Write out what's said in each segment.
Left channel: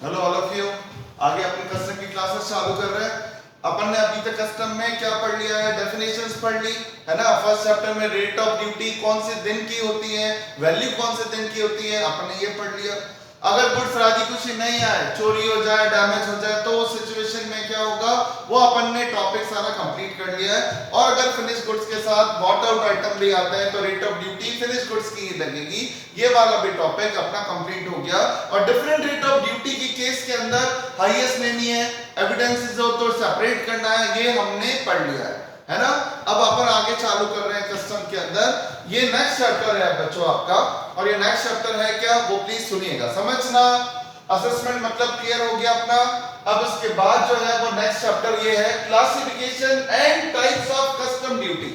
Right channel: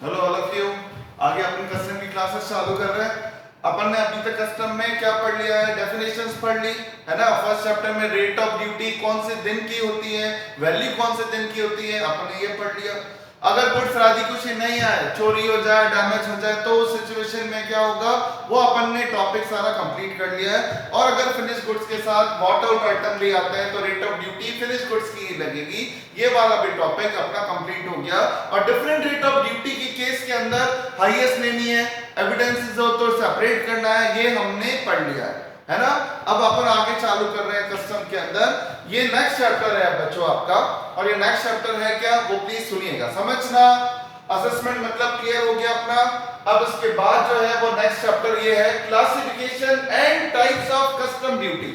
Hello all of you. आगे अपनी custom की क्लासेस चालू कर रहे हैं। अपन ने अभी तक कस्टम में क्या पढ़ लिया है? डेफिनेशंस पढ़ ली है ना। फर्स्ट चैप्टर में रेट ऑफ ड्यूटी कौन से दिन की होती है, वैल्यू कौन से दिन की होती है, अपन ने ये पढ़ लिया। अगर गुड्स राजी खुशी नहीं आए, चोरी हो जाए, डैमेज हो जाए, तो उस सिचुएशन में क्या होगा वो अपन ने टॉपिक सारा कंप्लीट कर लिया है। और अगर फिनिश गुड्स के साथ बॉट आउट आइटम भी आता है तो rate of duty finish goods की ही लगेगी। ये वाला भी टॉपिक अपना कंप्लीट हो गया। और डिफरेंट रेट ऑफ ड्यूटी की केस के अंदर हाईएस्ट लेनी है, एविडेंसेस हो तो सेपरेट करना है, ये हमने पढ़ लिया है ना। अब अपन आगे चालू कर रहे हैं कस्टम के अंदर। ये नेक्स्ट चैप्टर है बच्चों आपका, और ये नेक्स्ट चैप्टर है क्या वो प्लीज सुनिएगा। समझना, असेसमेंट मतलब क्लियर हो गया अपना। अब इसके बाद जो है वो नेक्स्ट चैप्टर ये है classification and types of custom duty.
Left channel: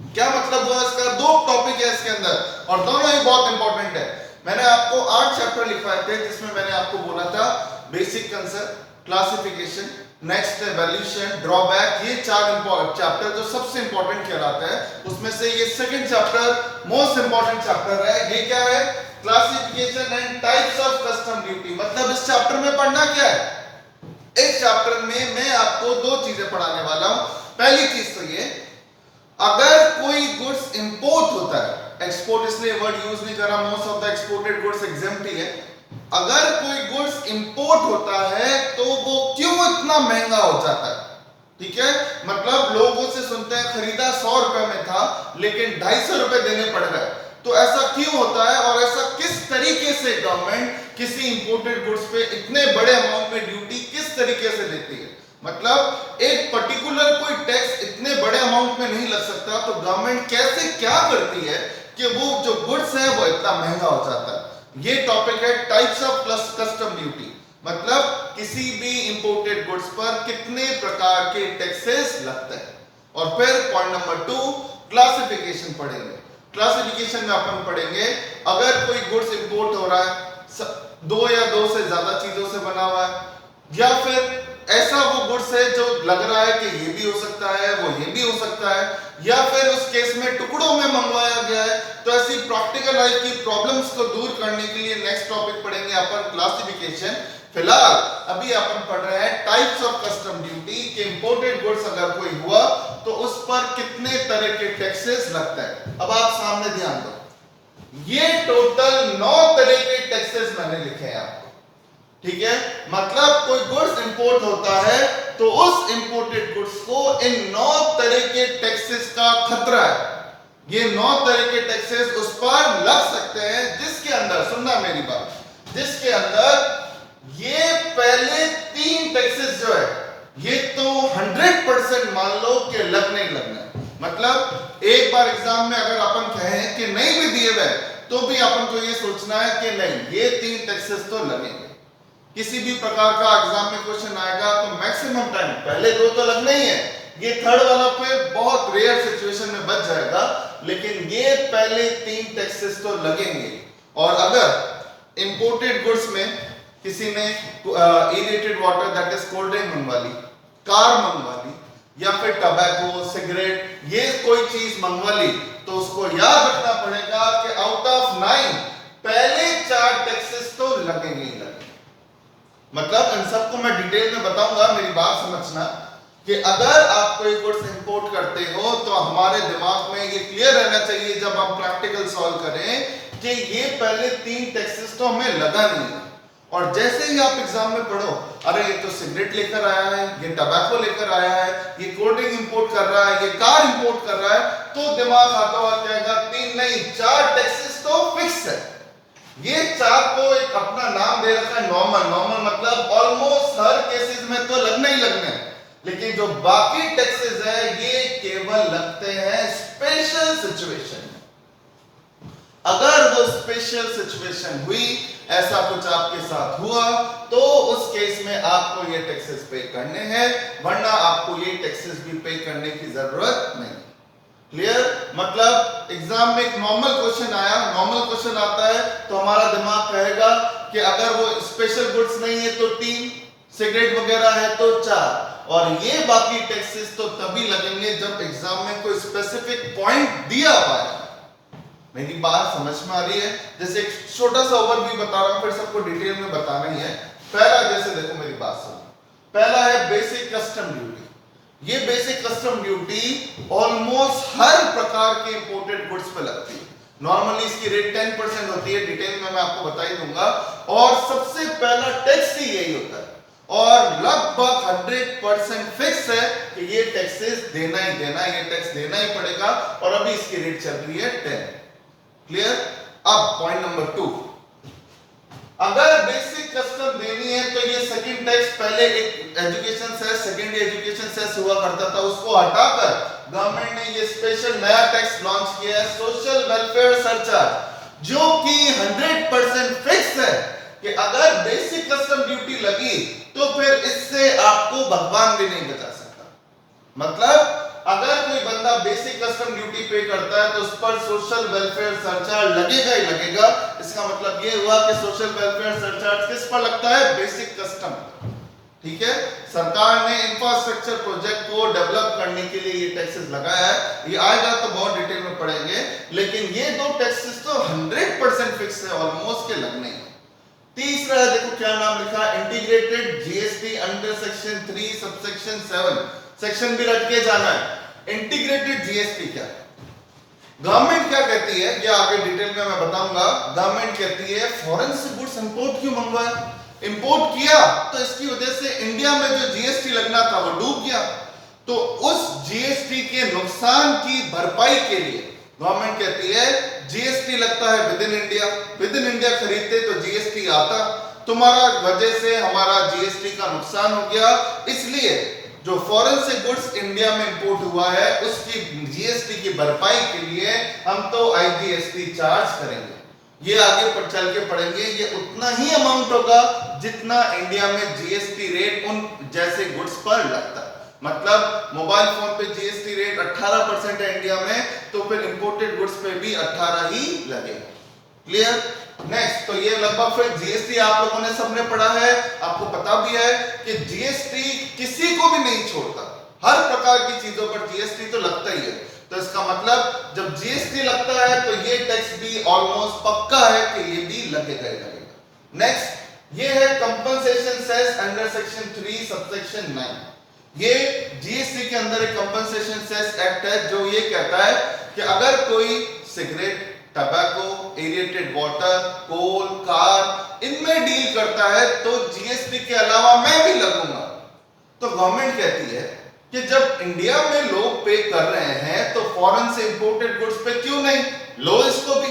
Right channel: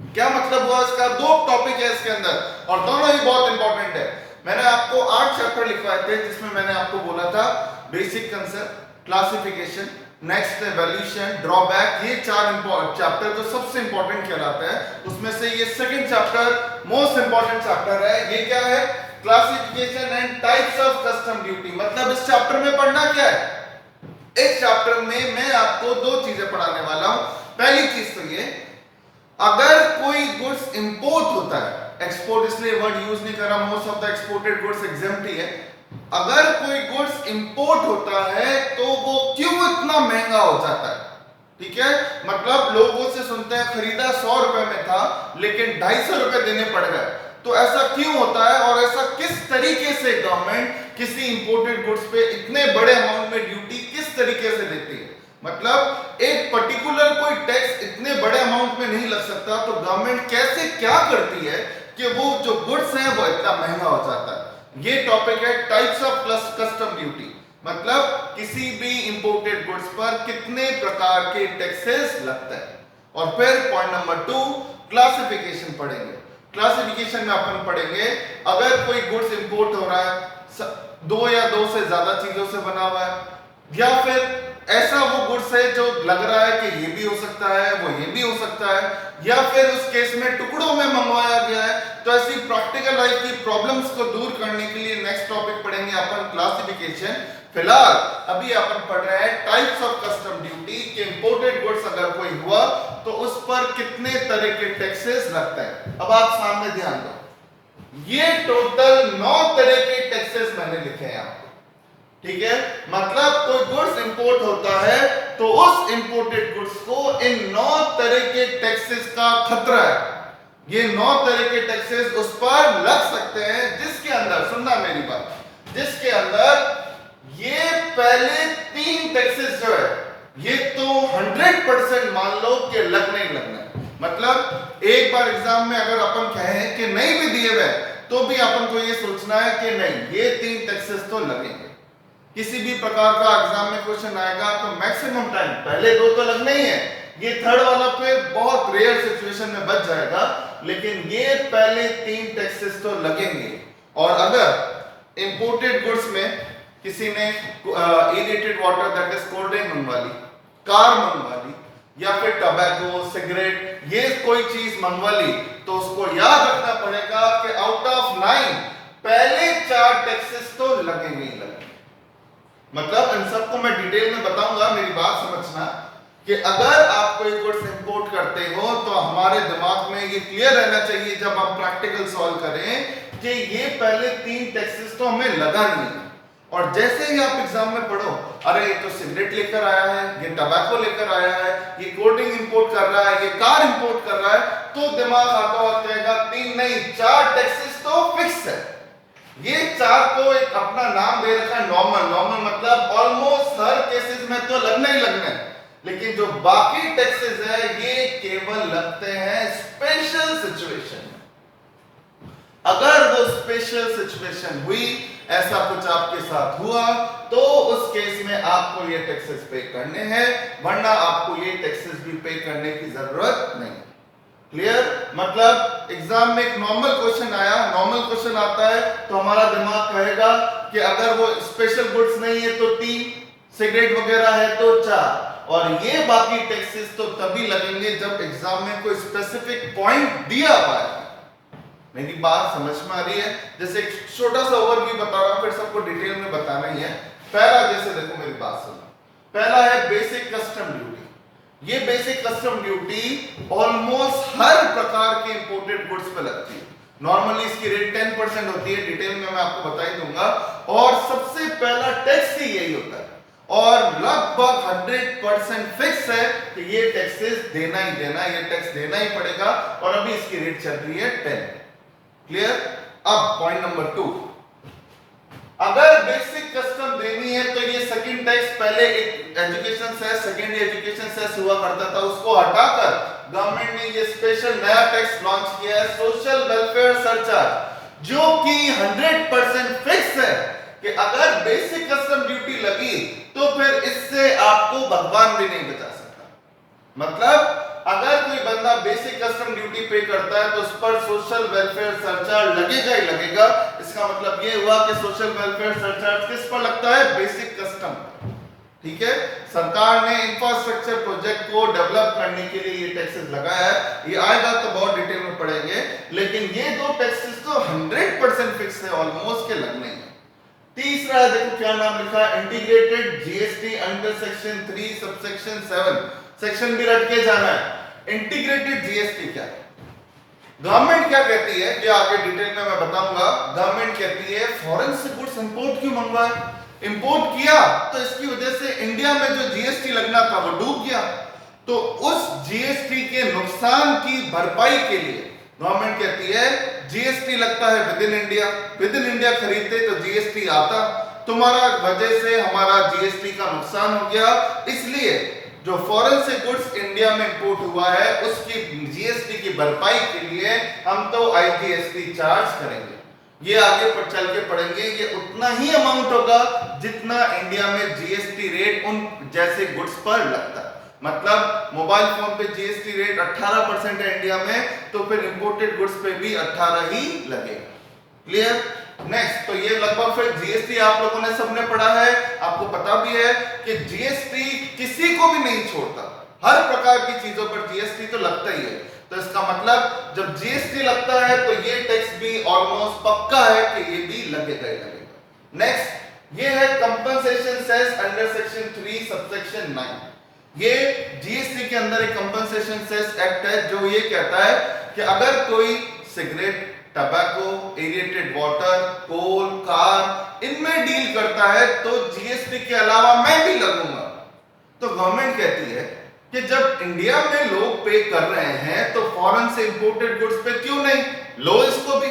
क्या मतलब हुआ इसका? दो टॉपिक है इसके अंदर और दोनों ही बहुत इंपॉर्टेंट है। मैंने आपको 8 चैप्टर लिखवाए थे जिसमें मैंने आपको बोला था basic concept, classification, next valuation, drawback, ये 4 चैप्टर जो सबसे इंपॉर्टेंट कहलाते हैं। उसमें से ये second chapter most important chapter है। ये क्या है? Classification and types of custom duty. मतलब इस चैप्टर में पढ़ना क्या है? इस चैप्टर में मैं आपको दो चीजें पढ़ाने वाला हूं। पहली चीज तो ये, अगर कोई गुड्स इंपोर्ट होता है, एक्सपोर्ट इसलिए वर्ड यूज नहीं कर रहा, most of the exported goods exempt ही है। अगर कोई गुड्स इंपोर्ट होता है तो वो क्यों इतना महंगा हो जाता है? ठीक है, मतलब लोगों से सुनते हैं खरीदा 100 रुपए में था लेकिन 250 रुपए देने पड़ गए। तो ऐसा क्यों होता है और ऐसा किस तरीके से गवर्नमेंट किसी इंपोर्टेड गुड्स पे इतने बड़े अमाउंट में ड्यूटी किस तरीके से देती है? मतलब एक पर्टिकुलर कोई टैक्स इतने बड़े अमाउंट में नहीं लग सकता, तो गवर्नमेंट कैसे क्या करती है कि वो जो गुड्स है वो इतना महंगा हो जाता है। ये टॉपिक है टाइप्स ऑफ कस्टम ड्यूटी। मतलब किसी भी इंपोर्टेड गुड्स पर कितने प्रकार के टैक्सेस लगते हैं। और फिर पॉइंट नंबर 2 क्लासिफिकेशन पढ़ेंगे। क्लासिफिकेशन में अपन पढ़ेंगे अगर कोई गुड्स इंपोर्ट हो रहा है, दो या दो से ज्यादा चीजों से बना हुआ है, या फिर ऐसा वो गुड्स है जो लग रहा है कि ये भी हो सकता है, वो ये भी हो सकता है, या फिर उस केस में टुकड़ों में मंगवाया गया है। तो ऐसी प्रैक्टिकल लाइफ की प्रॉब्लम्स को दूर करने के लिए नेक्स्ट टॉपिक पढ़ेंगे अपन क्लासिफिकेशन। फिलहाल अभी अपन पढ़ रहे हैं टाइप्स ऑफ कस्टम ड्यूटी कि इंपोर्टेड गुड्स अगर कोई हुआ तो उस पर कितने तरह के टैक्सेस लगता है। अब आप सामने ध्यान दो, ये टोटल 9 तरह के टैक्सेस मैंने लिखे हैं आपको। ठीक है, मतलब कोई गुड्स इंपोर्ट होता है तो उस इंपोर्टेड गुड्स को इन 9 तरह के टैक्सेस का खतरा है। ये 9 तरह के टैक्सेस उस पर लग सकते हैं जिसके अंदर, सुनना मेरी बात, जिसके अंदर ये पहले 3 टैक्सेस जो है ये तो 100% मान लो कि लगने ही लगने। मतलब एक बार एग्जाम में अगर अपन कहें कि नहीं भी दिए हुए तो भी अपन को ये सोचना है कि नहीं, ये 3 टैक्सेस तो लगेंगे। किसी भी प्रकार का एग्जाम में क्वेश्चन आएगा तो मैक्सिमम टाइम पहले 2 तो लगने ही है, ये थर्ड वाला पे बहुत रेयर सिचुएशन में बच जाएगा, लेकिन ये पहले 3 टैक्सेस तो लगेंगे। और अगर इंपोर्टेड गुड्स में किसी ने aerated water that is cold drink मंगवा ली, कार मंगवा ली, या फिर टबैको, सिगरेट, ये कोई चीज मंगवा ली, तो उसको याद रखना पड़ेगा कि आउट ऑफ 9 पहले 4 टैक्सेस तो लगेंगे ही लगेंगे। मतलब इन सबको मैं डिटेल में बताऊंगा, मेरी बात समझना कि अगर आप कोई गुड्स इंपोर्ट करते हो तो हमारे दिमाग में ये क्लियर रहना चाहिए जब हम प्रैक्टिकल सॉल्व करें कि ये पहले 3 टैक्सेस तो हमें लगा नहीं है। और जैसे ही आप एग्जाम में पढ़ो, अरे ये तो सिगरेट लेकर आया है, ये टबैको लेकर आया है, ये कोल्ड ड्रिंक इंपोर्ट कर रहा है, ये कार इंपोर्ट कर रहा है, तो दिमाग आता हुआ कहेगा 3 नहीं 4 टैक्सेस तो फिक्स है। ये 4 को एक अपना नाम दे रखा है नॉर्मल। नॉर्मल मतलब ऑलमोस्ट हर केसेस में तो लगना ही लगना है, लेकिन जो बाकी टैक्सेस है ये केवल लगते हैं स्पेशल सिचुएशन में। अगर वो स्पेशल सिचुएशन हुई, ऐसा कुछ आपके साथ हुआ, तो उस केस में आपको ये टैक्सेस पे करने हैं, वरना आपको ये टैक्सेस भी पे करने की जरूरत नहीं। क्लियर? मतलब एग्जाम में एक नॉर्मल क्वेश्चन आया, नॉर्मल क्वेश्चन आता है तो हमारा दिमाग कहेगा कि अगर वो स्पेशल गुड्स नहीं है तो 3, सिगरेट वगैरह है तो 4, और ये बाकी टैक्सेस तो तभी लगेंगे जब एग्जाम में कोई स्पेसिफिक पॉइंट दिया हुआ है। मेरी बात समझ में आ रही है? जैसे एक छोटा सा ओवरव्यू बता रहा हूं, फिर सबको डिटेल में बताना ही है। पहला जैसे देखो मेरी बात सुनो, पहला है बेसिक कस्टम ड्यूटी। ये बेसिक कस्टम ड्यूटी ऑलमोस्ट हर प्रकार के इंपोर्टेड गुड्स पे लगती है। नॉर्मली इसकी रेट 10% होती है, डिटेल में मैं आपको बता ही दूंगा। और सबसे पहला टैक्स ही यही होता है और लगभग 100% फिक्स है कि ये टैक्सेस देना ही देना, ये टैक्स देना ही पड़ेगा। और अभी इसकी रेट चल रही है 10। क्लियर? अब पॉइंट नंबर 2, अगर बेसिक कस्टम देनी है तो ये सेकंड टैक्स, पहले एक education cess, secondary education cess हुआ करता था, उसको हटाकर गवर्नमेंट ने ये स्पेशल नया टैक्स लॉन्च किया है, सोशल वेलफेयर सरचार्ज, जो कि 100% फिक्स है कि अगर बेसिक कस्टम ड्यूटी लगी तो फिर इससे आपको भगवान भी नहीं बचा सकता। मतलब अगर कोई बंदा बेसिक कस्टम ड्यूटी पे करता है तो उस पर सोशल वेलफेयर सरचार्ज लगेगा ही लगेगा। इसका मतलब ये हुआ कि सोशल वेलफेयर सरचार्ज किस पर लगता है? Basic custom. ठीक है, सरकार ने इंफ्रास्ट्रक्चर प्रोजेक्ट को डेवलप करने के लिए ये टैक्सेस लगाया है। ये आएगा तो बहुत डिटेल में पढ़ेंगे, लेकिन ये दो टैक्सेस तो 100% फिक्स है, ऑलमोस्ट के लगने हैं। तीसरा है, देखो क्या नाम लिखा है, integrated GST under section 3 subsection 7। Section भी रट के जाना है। इंटीग्रेटेड जीएसटी क्या है? गवर्नमेंट क्या कहती है, ये आगे डिटेल में मैं बताऊंगा। गवर्नमेंट कहती है फॉरेन से गुड्स इंपोर्ट क्यों मंगवाए, इंपोर्ट किया तो इसकी वजह से इंडिया में जो जीएसटी लगना था वो डूब गया, तो उस जीएसटी के नुकसान की भरपाई के लिए गवर्नमेंट कहती है जीएसटी लगता है with in India. With in India खरीदते तो जीएसटी आता, तुम्हारा वजह से हमारा जीएसटी का नुकसान हो गया, इसलिए जो फॉरेन से गुड्स इंडिया में इंपोर्ट हुआ है उसकी जीएसटी की भरपाई के लिए हम तो आईजीएसटी चार्ज करेंगे। ये आगे पर चल के पढ़ेंगे, ये उतना ही अमाउंट होगा जितना इंडिया में जीएसटी रेट उन जैसे गुड्स पर लगता है। मतलब मोबाइल फोन पे जीएसटी रेट 18% है इंडिया में, तो फिर इंपोर्टेड गुड्स पे भी 18 ही लगेगा। क्लियर? नेक्स्ट, तो ये लगभग फिर जीएसटी आप लोगों ने सबने पढ़ा है, आपको पता भी है कि जीएसटी किसी को भी नहीं छोड़ता, हर प्रकार की चीजों पर जीएसटी तो लगता ही है। तो इसका मतलब जब जीएसटी लगता है तो ये टैक्स भी ऑलमोस्ट पक्का है कि ये भी लगेगा ही लगेगा। नेक्स्ट, ये है compensation cess under section 3 subsection 9। ये जीएसटी के अंदर एक कंपनसेशन सेस एक्ट है जो ये कहता है कि अगर कोई सिगरेट, टबैको, एरिएटेड वाटर, कोल, कार इनमें डील करता है तो जीएसटी के अलावा मैं भी लगूंगा। तो गवर्नमेंट कहती है कि जब इंडिया में लोग पे कर रहे हैं तो फॉरेन से इंपोर्टेड गुड्स पे क्यों नहीं लो इसको भी।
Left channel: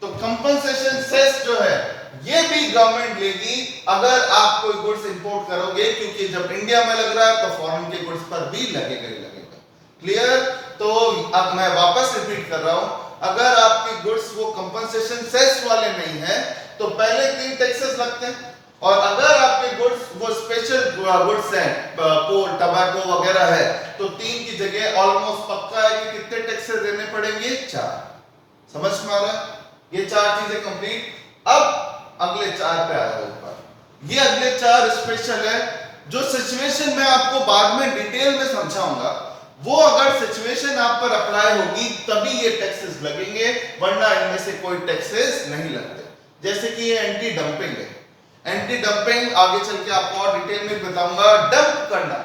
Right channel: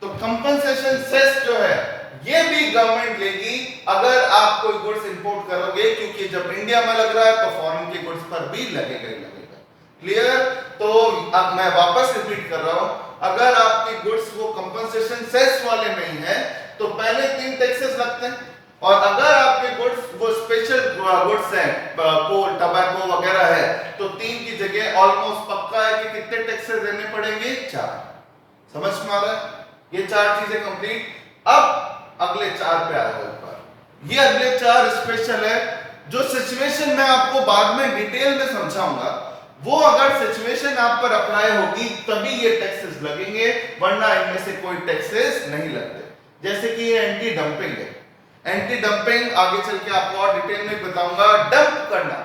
तो कंपनसेशन सेस जो है ये भी गवर्नमेंट लेगी अगर आप कोई गुड्स इंपोर्ट करोगे, क्योंकि जब इंडिया में लग रहा है तो फॉरेन के गुड्स पर भी लगेगा ही लगेगा। क्लियर? तो अब मैं वापस रिपीट कर रहा हूं, अगर आपकी गुड्स वो कंपनसेशन सेस वाले नहीं है तो पहले 3 टैक्सेस लगते हैं, और अगर आपके गुड्स वो स्पेशल गुड्स हैं, कोल, टबैको वगैरह है, तो 3 की जगह ऑलमोस्ट पक्का है कि कितने टैक्सेस देने पड़ेंगे? 4। समझ में आ रहा है? ये 4 चीजें कंप्लीट। अब अगले 4 पे आया एक बार। ये अगले 4 स्पेशल है, जो सिचुएशन मैं आपको बाद में डिटेल में समझाऊंगा, वो अगर सिचुएशन आप पर अप्लाई होगी तभी ये टैक्सेस लगेंगे, वरना इनमें से कोई टैक्सेस नहीं लगते। जैसे कि ये एंटी डंपिंग है। एंटी डंपिंग आगे चल के आपको और डिटेल में बताऊंगा। डंप करना,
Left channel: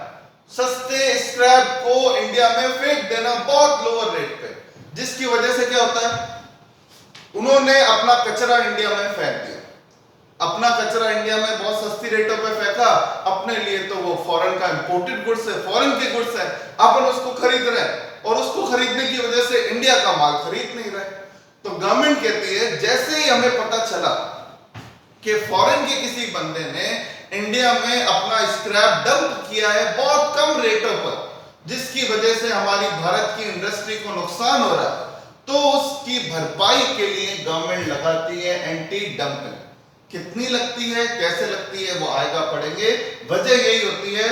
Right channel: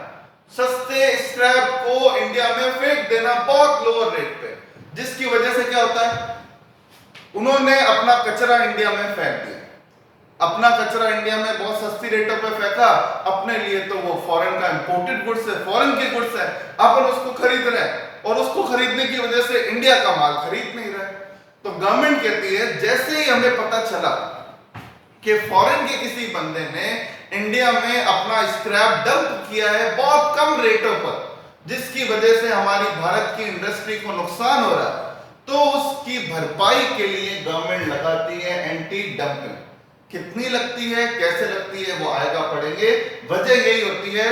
सस्ते स्क्रैप को इंडिया में फेंक देना बहुत लोअर रेट पे, जिसकी वजह से क्या होता है, उन्होंने अपना कचरा इंडिया में फेंक दिया। अपना कचरा इंडिया में बहुत सस्ती रेटों पे फेंका, अपने लिए तो वो फॉरेन का इंपोर्टेड गुड्स है, फॉरेन के गुड्स है, अपन उसको खरीद रहे हैं और उसको खरीदने की वजह से इंडिया का माल खरीद नहीं रहे। तो गवर्नमेंट कहती है जैसे ही हमें पता चला कि फॉरेन के किसी बंदे ने इंडिया में अपना स्क्रैप डंप किया है बहुत कम रेटों पर, जिसकी वजह से हमारी भारत की इंडस्ट्री को नुकसान हो रहा है, तो उसकी भरपाई के लिए गवर्नमेंट लगाती है एंटी डंपिंग। कितनी लगती है, कैसे लगती है, वो आएगा पढ़ेंगे। वजह यही होती है,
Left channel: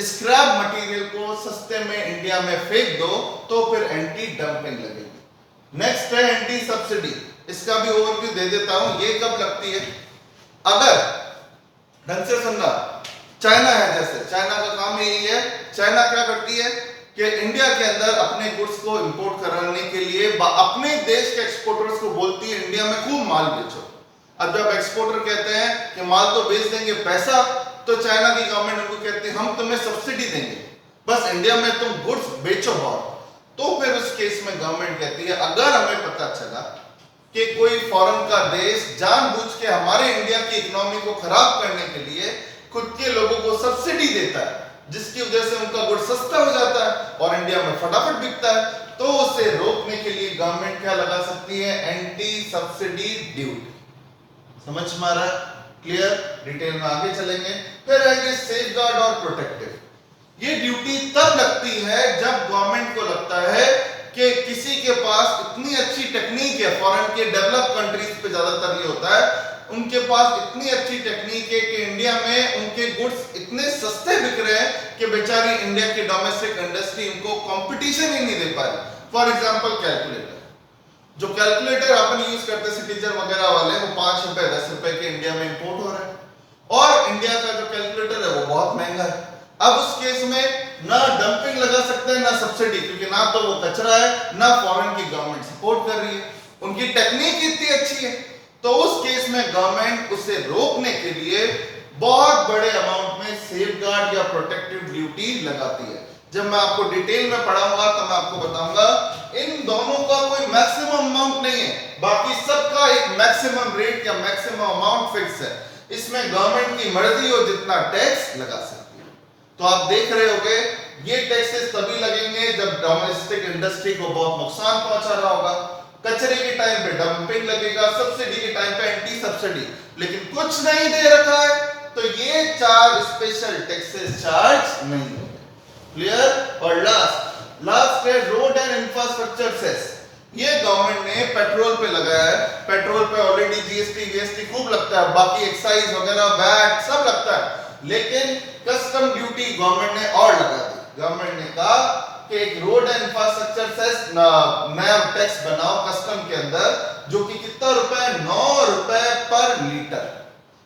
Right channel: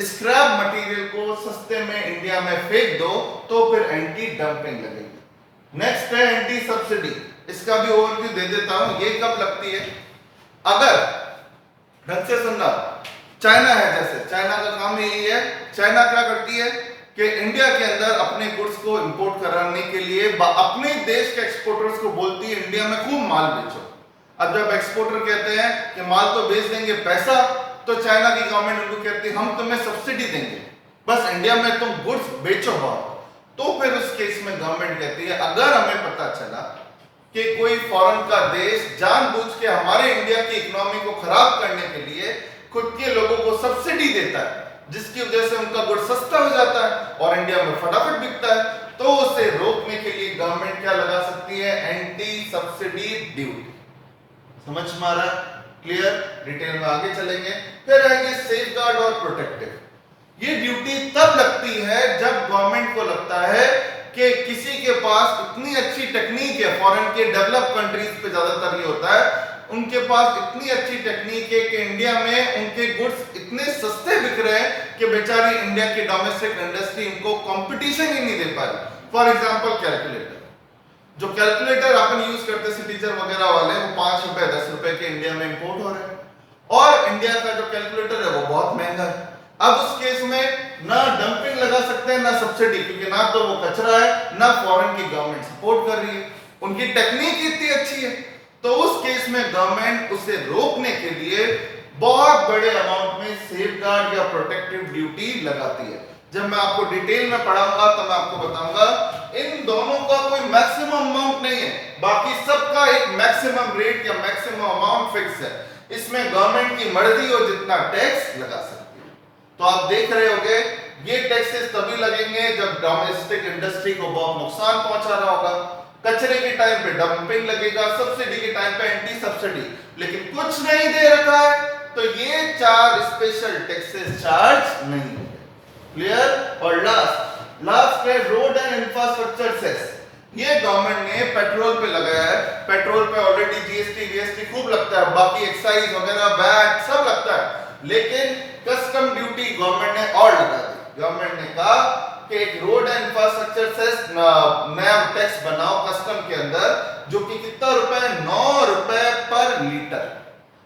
स्क्रैप मटेरियल को सस्ते में इंडिया में फेंक दो तो फिर एंटी डंपिंग लगेगी। नेक्स्ट है एंटी सब्सिडी। इसका भी ओवरव्यू दे देता हूं, ये कब लगती है। अगर ढंग से सुनना, चाइना है, जैसे चाइना का काम यही है, चाइना क्या करती है कि इंडिया के अंदर अपने गुड्स को इंपोर्ट कराने के लिए अपने देश के एक्सपोर्टर्स को बोलती है इंडिया में खूब माल बेचो। अब जब एक्सपोर्टर कहते हैं कि माल तो बेच देंगे, पैसा, तो चाइना की गवर्नमेंट उनको कहती है हम तुम्हें सब्सिडी देंगे, बस इंडिया में तुम गुड्स बेचो बहुत। तो फिर उस केस में गवर्नमेंट कहती है अगर हमें पता चला कि कोई फॉरेन का देश जानबूझ के हमारे इंडिया की इकोनॉमी को खराब करने के लिए खुद के लोगों को सब्सिडी देता है, जिसकी वजह से उनका गुड सस्ता हो जाता है और इंडिया में फटाफट बिकता है, तो उसे रोकने के लिए गवर्नमेंट क्या लगा सकती है? Anti subsidy duty. समझ में आ रहा है? क्लियर? डिटेल में आगे चलेंगे। फिर आएंगे सेफगार्ड और प्रोटेक्टिव। ये ड्यूटी तब लगती है जब गवर्नमेंट को लगता है कि किसी के पास इतनी अच्छी टेक्निक है, फॉरेन के डेवलप कंट्रीज पे ज्यादातर ये होता है, उनके पास इतनी अच्छी टेक्निक है कि इंडिया में उनके गुड्स इतने सस्ते बिक रहे हैं कि बेचारी इंडिया की डोमेस्टिक इंडस्ट्री उनको कंपटीशन ही नहीं दे पा रही। फॉर एग्जांपल कैलकुलेटर, जो कैलकुलेटर अपन यूज करते हैं सिटीजन वगैरह वाले, वो 5 रुपए 10 रुपए के इंडिया में इंपोर्ट हो रहे हैं, और इंडिया का जो कैलकुलेटर है वो बहुत महंगा है। अब उस केस में ना डंपिंग लगा सकते हैं ना सब्सिडी, क्योंकि ना तो वो कचरा है ना फॉरेन की गवर्नमेंट सपोर्ट कर रही है, उनकी टेक्निक इतनी अच्छी है। तो उस केस में गवर्नमेंट उसे रोकने के लिए बहुत बड़े अमाउंट में सेफगार्ड या प्रोटेक्टिव ड्यूटी लगाती है। जब मैं आपको डिटेल में पढ़ाऊंगा तो मैं आपको बताऊंगा इन दोनों का कोई मैक्सिमम अमाउंट नहीं है, बाकी सबका एक मैक्सिमम रेट या मैक्सिमम अमाउंट फिक्स है। इसमें गवर्नमेंट की मर्जी हो जितना टैक्स लगा सकती है। तो आप देख रहे होंगे ये टैक्सेस तभी लगेंगे जब डोमेस्टिक इंडस्ट्री को बहुत नुकसान पहुंचा रहा होगा, कचरे के टाइम पे डंपिंग लगेगा, सब्सिडी के टाइम पे एंटी सब्सिडी, लेकिन कुछ नहीं दे रखा है तो ये 4 स्पेशल टैक्सेस चार्ज नहीं होंगे। क्लियर? और लास्ट है रोड एंड इंफ्रास्ट्रक्चर सेस। ये गवर्नमेंट ने पेट्रोल पे लगाया है, पेट्रोल पे ऑलरेडी जीएसटी वीएसटी खूब लगता है, बाकी एक्साइज वगैरह वैट सब लगता है, लेकिन कस्टम ड्यूटी गवर्नमेंट ने और लगा दी। गवर्नमेंट ने कहा कि एक रोड एंड इंफ्रास्ट्रक्चर सेस नया टैक्स बनाओ कस्टम के अंदर, जो कि कितना रुपए? 9 रुपए पर लीटर।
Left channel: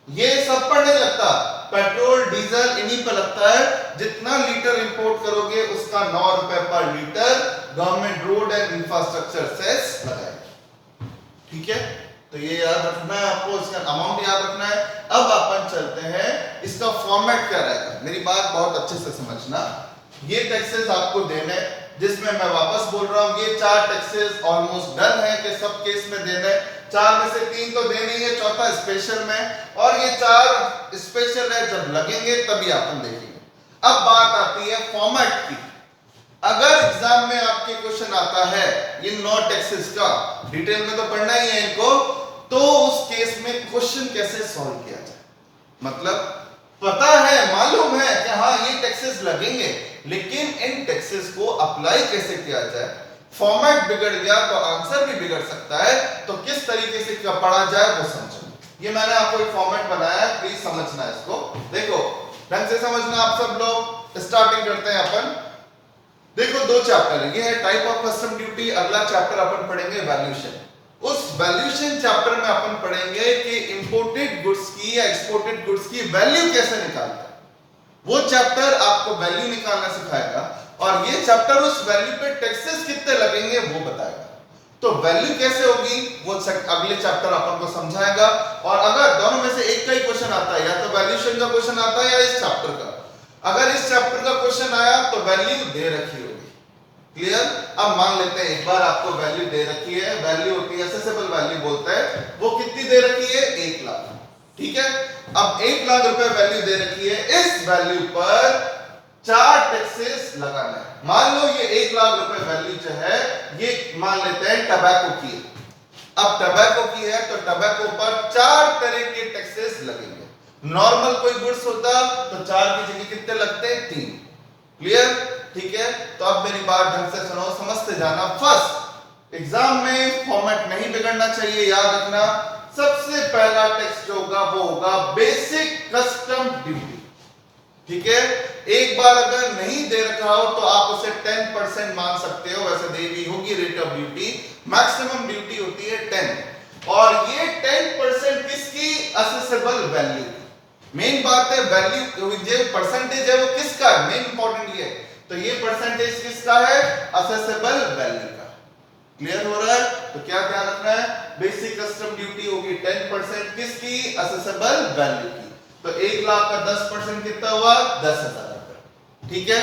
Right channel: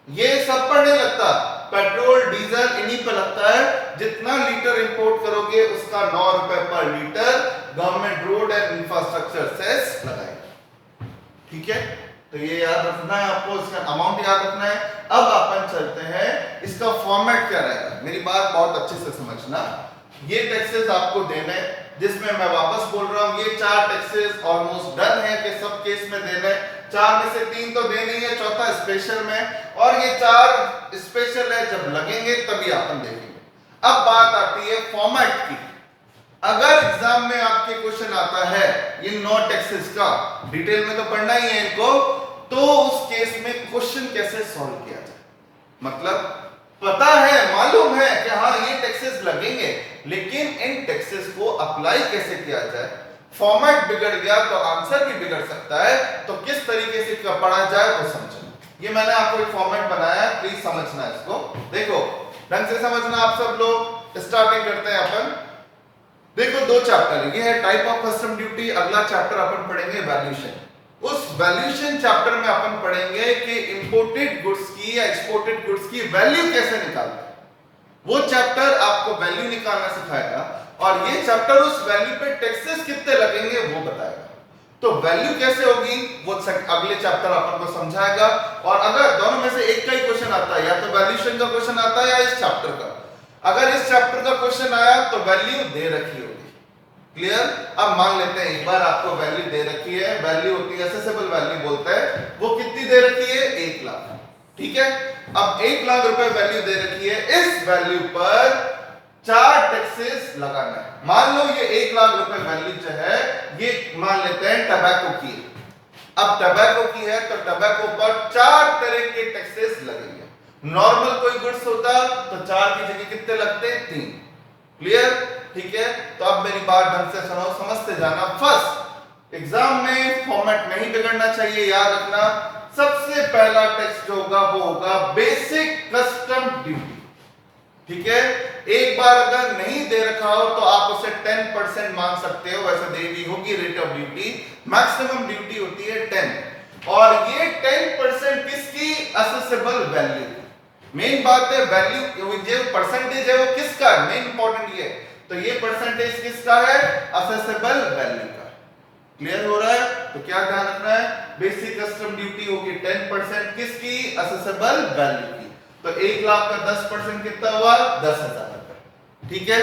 ये सब पर नहीं लगता, पेट्रोल डीजल इन्हीं पर लगता है, जितना लीटर इंपोर्ट करोगे उसका 9 रुपए पर litre government road and infrastructure cess लगाएगी। ठीक है? तो ये याद रखना है आपको, इसका अमाउंट याद रखना है। अब अपन चलते हैं इसका फॉर्मेट क्या रहेगा, मेरी बात बहुत अच्छे से समझना। ये टैक्सेस आपको देने, जिसमें मैं वापस बोल रहा हूं ये 4 टैक्सेस ऑलमोस्ट डन है कि सब केस में देने, 4 में से 3 तो देने ही है, चौथा स्पेशल में, और ये 4 स्पेशल है, जब लगेंगे तभी अपन देखेंगे। अब बात आती है फॉर्मेट की। अगर एग्जाम में आपके क्वेश्चन आता है ये 9 टैक्सेस का, डिटेल में तो पढ़ना ही है इनको, तो उस केस में क्वेश्चन कैसे सॉल्व किया जाए, मतलब पता है, मालूम है कि हाँ ये टैक्सेस लगेंगे, लेकिन इन टैक्सेस को अप्लाई कैसे किया जाए। फॉर्मेट बिगड़ गया तो आंसर भी बिगड़ सकता है, तो किस तरीके से पढ़ा जाए वो समझो। ये मैंने आपको एक फॉर्मेट बनाया है, प्लीज समझना है इसको। देखो ढंग से समझना आप सब लोग। स्टार्टिंग करते हैं अपन। देखो 2 चैप्टर है, ये है टाइप ऑफ कस्टम ड्यूटी, अगला चैप्टर अपन पढ़ेंगे वैल्यूएशन। उस वैल्यूएशन चैप्टर में अपन पढ़ेंगे कि इंपोर्टेड गुड्स की या एक्सपोर्टेड गुड्स की वैल्यू कैसे निकालते हैं। वो चैप्टर आपको वैल्यू निकालना सिखाएगा, और ये चैप्टर उस वैल्यू पे टैक्सेस कितने लगेंगे वो बताएगा। तो वैल्यू कैसे होगी वो अगले चैप्टर अपन को समझाएगा। और अगर दोनों में से एक का ही क्वेश्चन आता है, या तो वैल्यूएशन का क्वेश्चन आता है या इस चैप्टर का, अगर इस चैप्टर का क्वेश्चन आया तो वैल्यू दे रखी होगी। क्लियर? अब मान लेते हैं एक बार आपको वैल्यू दे रखी है, वैल्यू होती है असेसेबल वैल्यू बोलते हैं, वो कितनी दे रखी है? 1 लाख। ठीक है? अब 1 लाख रुपए वैल्यू दे रखी है, इस वैल्यू पर 4 टैक्सेस लगाना है। मान लो ये 1 लाख रुपए वैल्यू जो है ये मान लेते हैं टबैको की। अब टबैको की है तो टबैको पर 4 तरह के टैक्सेस लगेंगे। नॉर्मल कोई गुड्स होता तो 4 की जगह कितने लगते हैं? 3। क्लियर? ठीक है? तो अब मेरी बात ढंग से सुनो, समझते जाना। फर्स्ट, एग्जाम में फॉर्मेट नहीं बिगड़ना चाहिए, याद रखना। सबसे पहला टैक्स जो होगा वो होगा बेसिक कस्टम ड्यूटी। ठीक है? एक बार अगर नहीं दे रखा हो तो आप उसे 10% मान सकते हो, वैसे दे दी होगी rate of duty, maximum duty होती है 10, और ये 10% किसकी? Accessible value. मेन बात है वैल्यू, जो परसेंटेज है वो किसका है, मेन इंपॉर्टेंट ये। तो ये परसेंटेज किसका है? असेसेबल वैल्यू का। क्लियर हो रहा है? तो क्या ध्यान रखना है, बेसिक कस्टम ड्यूटी होगी 10% किसकी, असेसेबल वैल्यू की। तो 1 लाख का 10% कितना हुआ, 10,000 रुपए। ठीक है,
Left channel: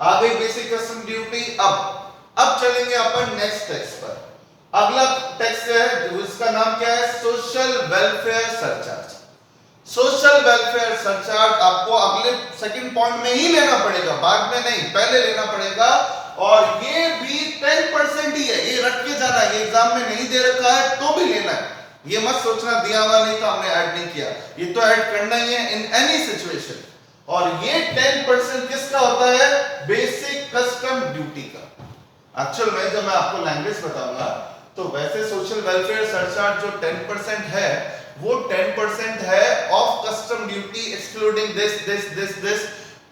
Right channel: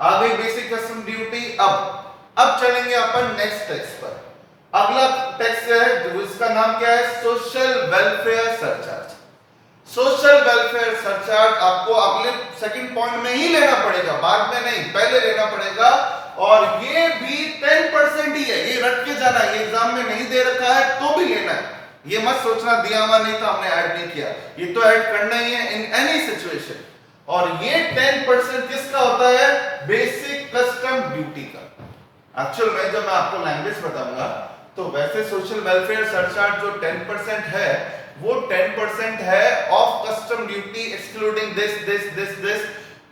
आ गई बेसिक कस्टम ड्यूटी। अब चलेंगे अपन नेक्स्ट टैक्स पर। अगला टैक्स है जिसका नाम क्या है, social welfare surcharge. Social welfare surcharge आपको अगले सेकंड पॉइंट में ही लेना पड़ेगा, बाद में नहीं, पहले लेना पड़ेगा। और ये भी 10% ही है, ये रट के जाना, ये एग्जाम में नहीं दे रखा है तो भी लेना है। ये मत सोचना दिया हुआ नहीं तो हमने ऐड नहीं किया, ये तो ऐड करना ही है इन एनी सिचुएशन। और ये 10% किसका होता है, बेसिक कस्टम ड्यूटी का। एक्चुअल में जब मैं आपको लैंग्वेज बताऊंगा तो वैसे सोशल वेलफेयर सरचार्ज जो 10% है वो 10% है of custom duty excluding this,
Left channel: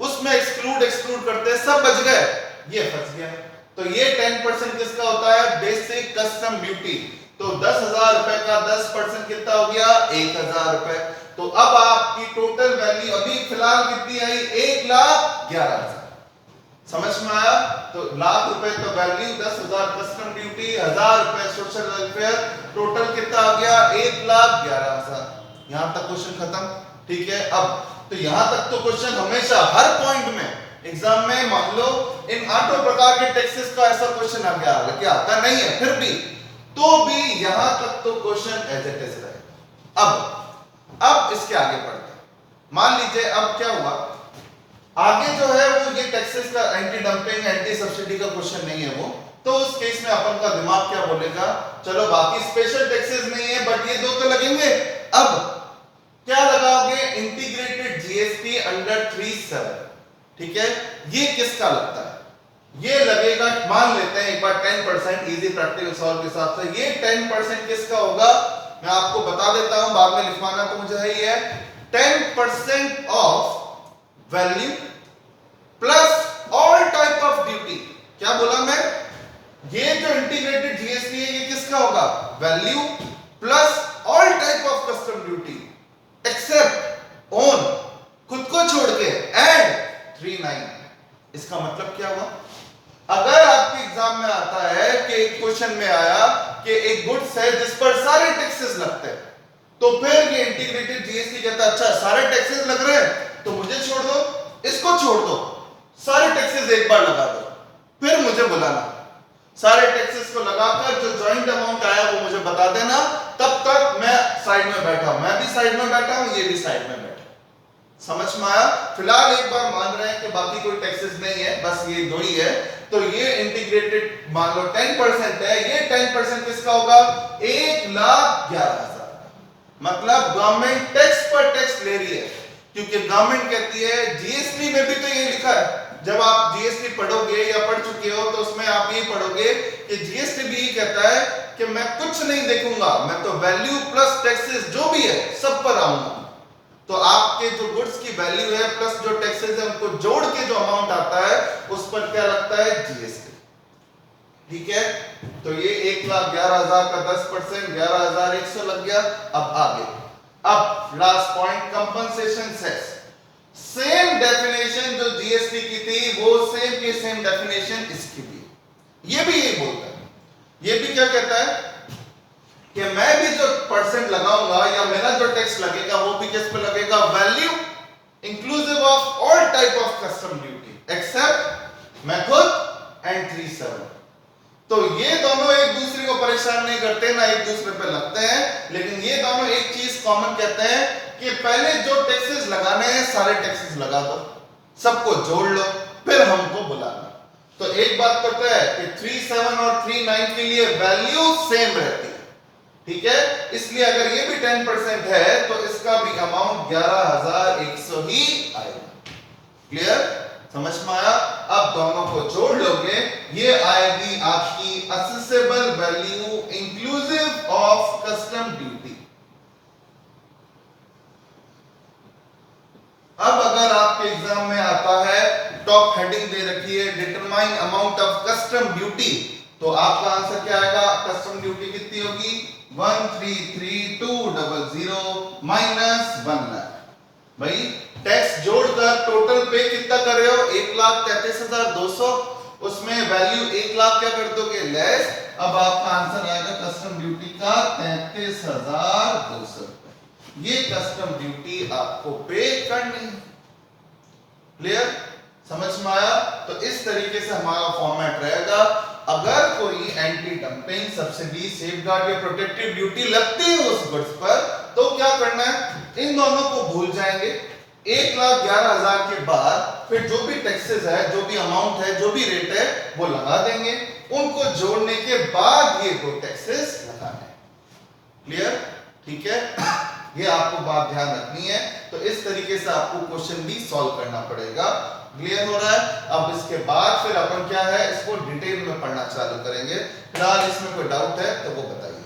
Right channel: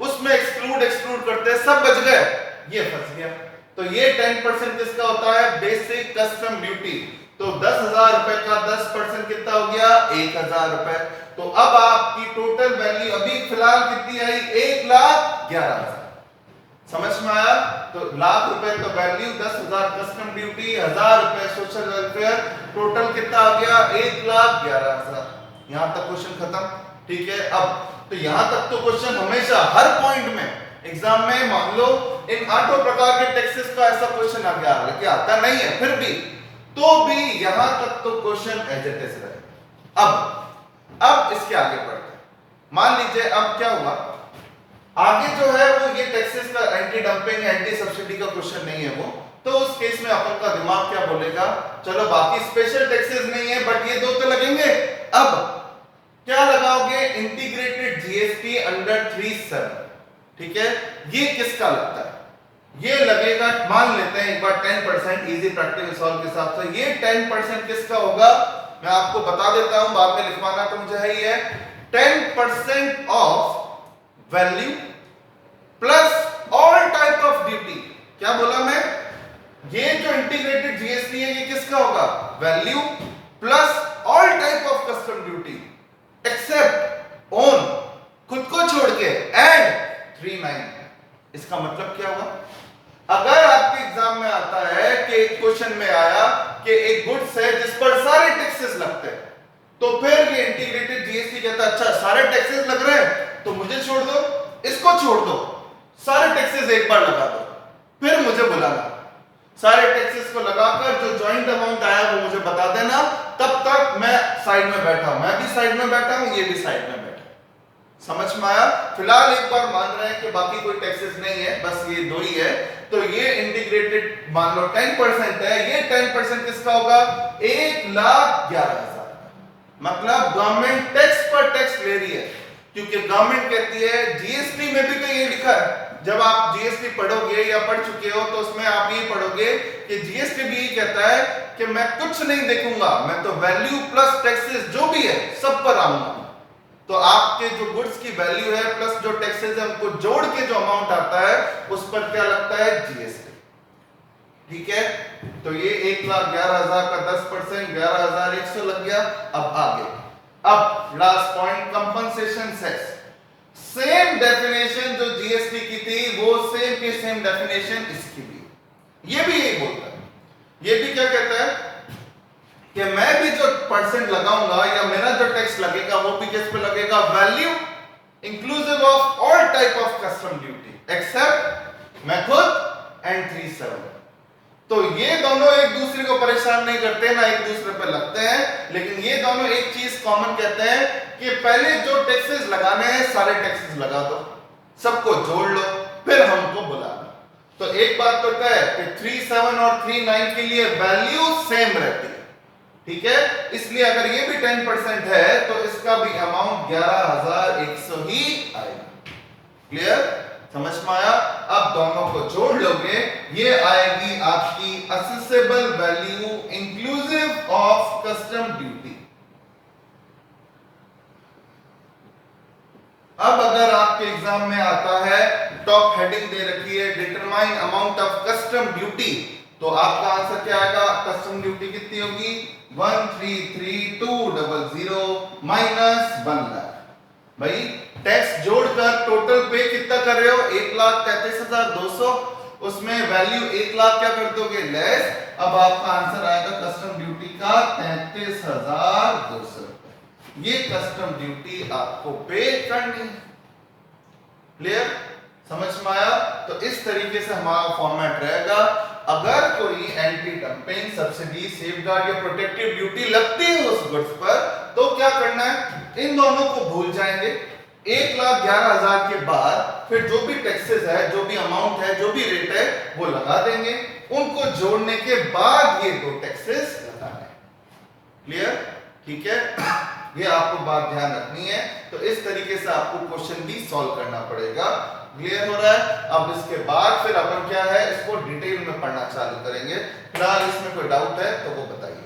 उसमें एक्सक्लूड करते सब बच गए, ये फंस गया। तो ये 10% किसका होता है, बेसिक कस्टम ड्यूटी। तो 10,000 रुपए का 10% कितना हो गया, 1,000 रुपए। तो अब आपकी टोटल वैल्यू अभी फिलहाल कितनी आई, 1,11,000। समझ में आया? तो लाख रुपए तो वैल्यू, 10,000 कस्टम ड्यूटी, 1,000 रुपए सोशल वेलफेयर, टोटल कितना आ गया, 1,11,000। यहां तक क्वेश्चन खत्म। ठीक है, अब तो यहां तक तो क्वेश्चन हमेशा हर पॉइंट में एग्जाम में, मान लो इन 8 प्रकार के टैक्सेस का ऐसा क्वेश्चन आ गया, लेकिन आता नहीं है फिर भी, तो भी यहां तक तो क्वेश्चन एज इट इज रहे। अब इसके आगे बढ़ते हैं। मान लीजिए अब क्या हुआ, आगे जो है वो ये टैक्सेस का एंटी डंपिंग एंटी सब्सिडी का क्वेश्चन नहीं है वो, तो उस केस में अपन का दिमाग क्या बोलेगा, चलो बाकी स्पेशल टैक्सेस नहीं है बट ये दो तो लगेंगे। अब क्या लगाओगे, इंटीग्रेटेड जीएसटी अंडर 37। ठीक है, ये किसका लगता है, ये लगेगा, मान लेते हैं एक बार 10%, इजी प्रैक्टिकल सॉल्व के साथ। तो ये 10% किसका होगा, मैं आपको बता देता हूं, बाद में लिखवाना तो मुझे है ही है। 10% of value plus all type of duty. क्या बोला मैं, ये जो इंटीग्रेटेड जीएसटी है ये किसका होगा, value plus all type of custom duty except on, खुद को छोड़ के, एंड 39। इसका मतलब क्या हुआ, अगर आपके एग्जाम में आता है कि एक क्वेश्चन में आया कि एक गुड्स है जिस पर सारे टैक्सेस लगते हैं, तो फिर ये इंटीग्रेटेड जीएसटी कहता है अच्छा सारे टैक्सेस लग रहे हैं तो मुझे छोड़ दो, इसको छोड़ दो, सारे टैक्सेस एक बार लगा दो, फिर मुझे बुलाना, सारे टैक्सेस को लगाकर जो जॉइंट अमाउंट आया वो मुझे बता देना, तब तक मैं साइड में बैठा हूं, मैं भी साइड में बैठा हूं, ये भी साइड में बैठा। समझ में आया? फिलहाल एक बार मान रहे हैं कि बाकी कोई टैक्सेस नहीं है, बस ये दो ही है। तो ये इंटीग्रेटेड मान लो 10% है, ये 10% किसका होगा, 1,11,000। मतलब गवर्नमेंट टैक्स पर टैक्स ले रही है, क्योंकि गवर्नमेंट कहती है, जीएसटी में भी तो ये लिखा है, जब आप जीएसटी पढ़ोगे या पढ़ चुके हो तो उसमें आप ये पढ़ोगे कि जीएसटी भी कहता है कि मैं कुछ नहीं देखूंगा, मैं तो वैल्यू प्लस टैक्सेस जो भी है सब पर आऊंगा। तो आपके जो गुड्स की वैल्यू है प्लस जो टैक्सेस है उनको जोड़ के जो अमाउंट आता है उस पर क्या लगता है, जीएसटी। ठीक है, तो ये 1,11,000 का 10% 11,100 लग गया। अब आगे, अब last point, compensation cess. Same definition जो जीएसटी की थी वो सेम की सेम डेफिनेशन इसकी भी, ये भी यही बोलता है। ये भी क्या कहता है कि मैं भी जो परसेंट लगाऊंगा या मेरा जो टैक्स लगेगा वो भी किस पे लगेगा, value inclusive of all type of custom duty except मैं खुद एंड 37। तो ये दोनों एक दूसरे को परेशान नहीं करते, ना एक दूसरे पे लगते हैं, लेकिन ये दोनों एक चीज कॉमन कहते हैं कि पहले जो टैक्सेस लगाने हैं सारे टैक्सेस लगा दो, सबको जोड़ लो, फिर हमको बुलाना। तो एक बात तो तय है कि 37 और 39 के लिए वैल्यू सेम रहती है। ठीक है, इसलिए अगर ये भी 10% है तो इसका भी अमाउंट 11,100 ही आएगा। क्लियर, समझ में आया? अब दोनों को जोड़ लोगे, ये आएगी आपकी accessible value inclusive of custom duty. अब अगर आपके एग्जाम में आता है, टॉप हेडिंग दे रखी है determine amount of custom duty, तो आपका आंसर क्या आएगा, कस्टम ड्यूटी कितनी होगी, 133,200 माइनस 1 लाख। भाई टैक्स जोड़कर टोटल पे कितना कर रहे हो, 1,33,200, उसमें वैल्यू 1 लाख क्या कर दोगे लेस, अब आपका आंसर आएगा कस्टम ड्यूटी का 33,200 रुपए। ये कस्टम ड्यूटी आपको पे करनी है। क्लियर, समझ में आया? तो इस तरीके से हमारा फॉर्मेट रहेगा। अगर कोई एंटी डंपिंग सब्सिडी सेफगार्ड या प्रोटेक्टिव ड्यूटी लगती है उस गुड्स पर, तो क्या करना है, इन दोनों को भूल जाएंगे। 1,11,000 के बाद फिर जो भी टैक्सेस है, जो भी अमाउंट है, जो भी रेट है वो लगा देंगे, उनको जोड़ने के बाद ये दो टैक्सेस लगाने। क्लियर, ठीक है? ये आपको बात ध्यान रखनी है। तो इस तरीके से आपको क्वेश्चन भी सॉल्व करना पड़ेगा। क्लियर हो रहा है? अब इसके बाद फिर अपन क्या है, इसको डिटेल में पढ़ना चालू करेंगे। फिलहाल इसमें कोई डाउट है तो वो बताइए।